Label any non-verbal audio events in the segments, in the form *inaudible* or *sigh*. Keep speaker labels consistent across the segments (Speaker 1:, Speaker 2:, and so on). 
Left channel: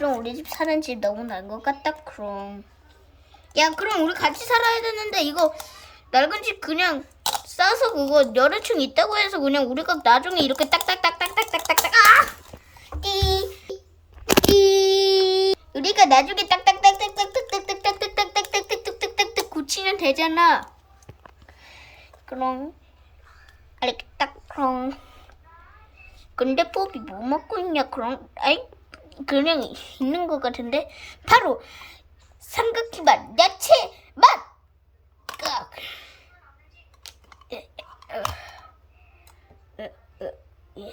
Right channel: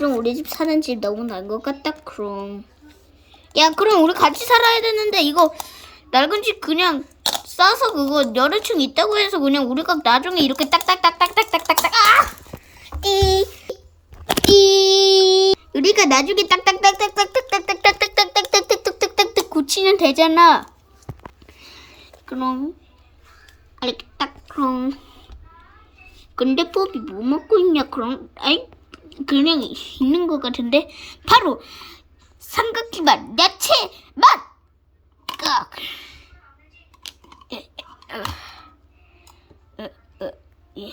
Speaker 1: 그럼 우리 집 사는 집 너무 날 것 같다 그럼. 야 그럼 우리 같이 살아야 되는데 이거 낡은 집 그냥 싸서 그거 여러 층 있다고 해서 그냥 우리가 나중에 이렇게 딱딱딱딱딱딱딱딱 아! 띠 우리가 나중에 딱딱딱딱딱딱딱딱딱딱딱딱딱딱딱 고치면 되잖아. 그럼. 알겠다 그럼. 근데 뽀비 뭐 먹고 있냐 그럼? 아이 그냥 있는 것 같은데 바로 삼각기 맛 야채 맛 깍. 어. 어, 어, 예.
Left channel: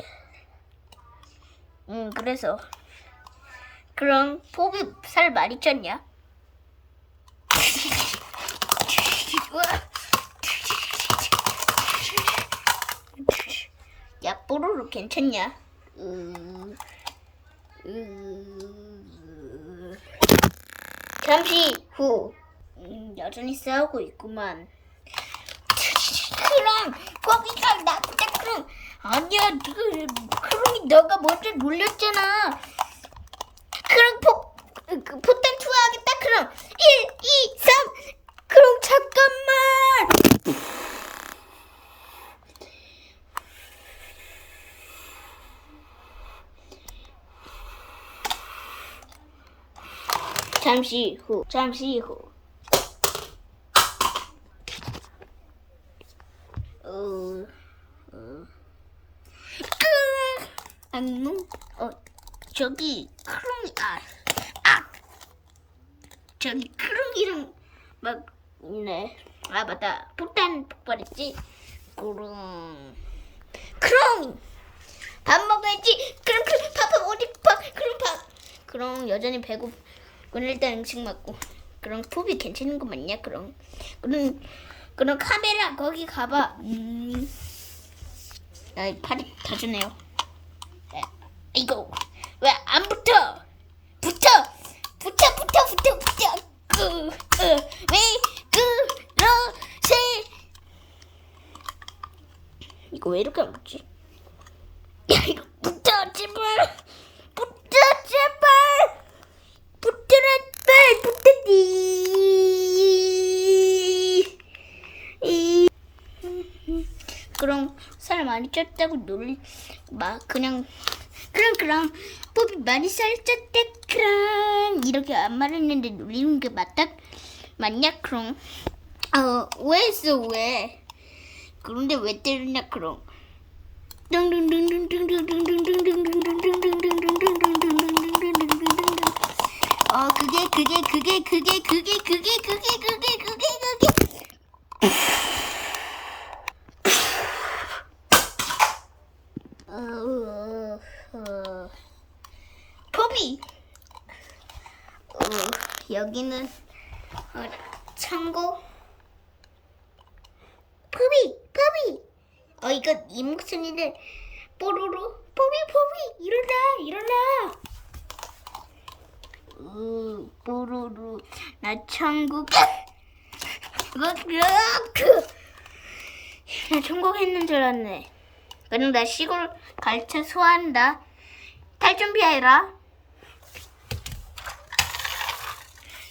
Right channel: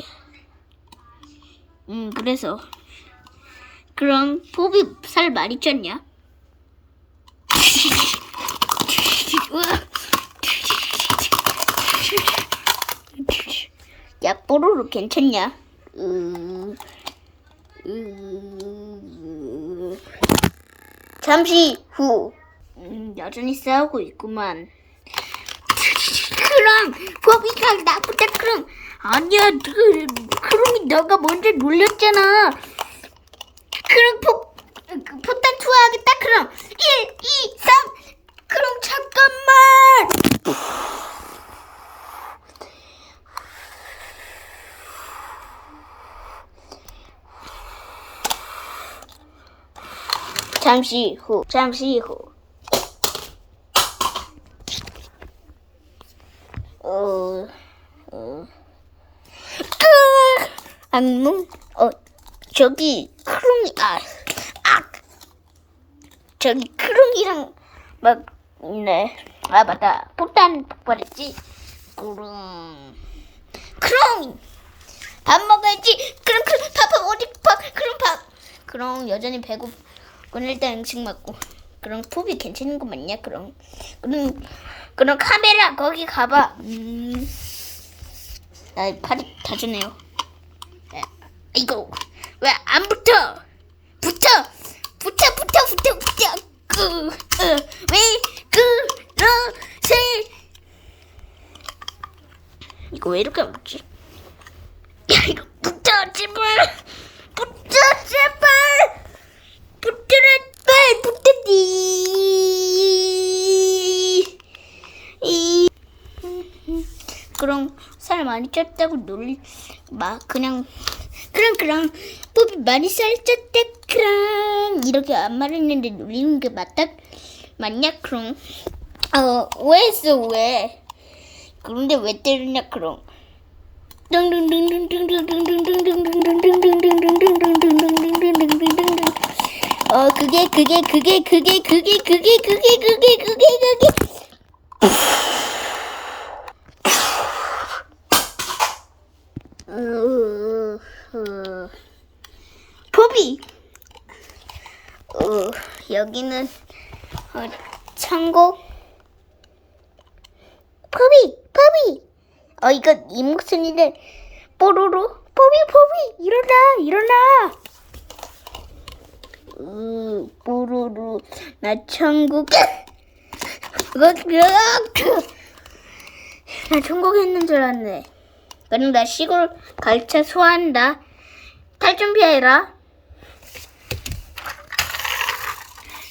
Speaker 1: 음 그래서 그럼 뽀비 살 많이 쪘냐? *laughs* 야 뽀로로 괜찮냐? 으... 으... 잠시 후. 음, 여전히 싸우고 있구만. 그럼 거기가 나보다 그럼 아니야 그, 그럼이 너가 먼저 놀렸잖아. 그럼 포, 그, 포탄 투하하겠다. 그럼 1, 2, 3 그럼 잠깐만 잠시 후, 잠시 후. 어, 어. 끄! 악몽? 어, 저기, 크롱이, 아, 아! 저기, 크롱이랑, 막, 네. 아, 맞다. 폭탄 폭발했지? 그럼, 크롱! 밥 먹어야지! 그럼, 그럼, 밥, 밥, 어디, 밥, 그럼 밥! 그럼, 여전히 배고, 그럼 일단 음식 먹고. 그럼 푸비 괜찮은 거 맞냐? 그럼 그럼 그럼 카메라 거기 가봐. 음. 나 팔이 다쳤네요. 에, 이거 왜 안 붙어? 붙어, 붙어, 붙어, 붙어, 붙어. 그, 어, 왜 그러세? 이거 왜 이렇게 안 붙지? 야 이거 붙어 제발, 붙어 제발. 붙들어 빨 붙더니 이 그럼 살 많이 쪘다고 놀리 막 그냥 그냥 그냥 뽀비 많이 살 쪘대 그랑 이렇게 안 말했는데 놀리는 게 맞다 맞냐 그럼 어왜 했어 왜 그런데 왜 때리냐 그럼 어 그게 그게 그게 그게 그게 그게 그게 그게 그게 그게 어, 어, 포비. 어, 여기는 어, 창고. 포비 포비. 어 이거 이 목소리를 뽀로로. 포비 포비 일어나 일어나. 으, 뽀로로. 나 천국. 나 천국 했는 줄 알았네 그럼 나 시골 갈 차 소화한다. 탈 준비해라.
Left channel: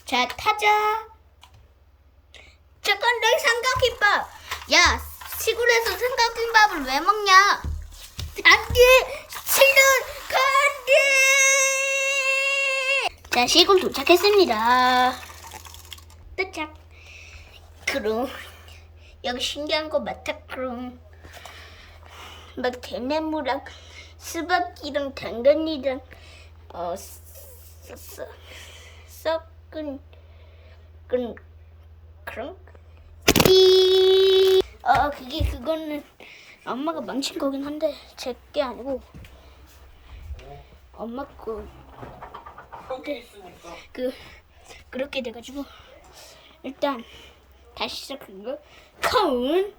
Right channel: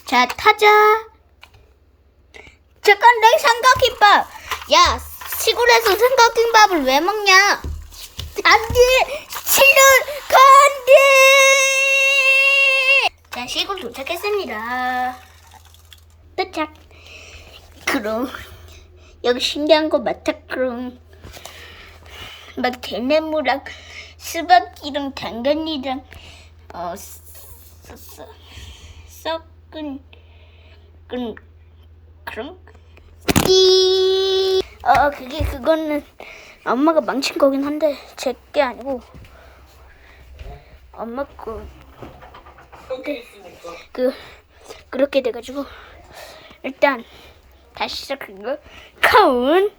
Speaker 1: 자 타자. 잠깐 내 삼각김밥. 야 시골에서 삼각김밥을 왜 먹냐? 안돼 싫어 안돼. 자 시골 도착했습니다. 도착. 그럼 여기 신기한 거 많다 그럼 막 대나무랑 수박이랑 당근이랑 어 썩은 그 그런? 이 어, 그게 그거는 엄마가 망친 거긴 한데 제 게 아니고 엄마 거. 그 그렇게 돼가지고 일단 다시 시작한 거. 카운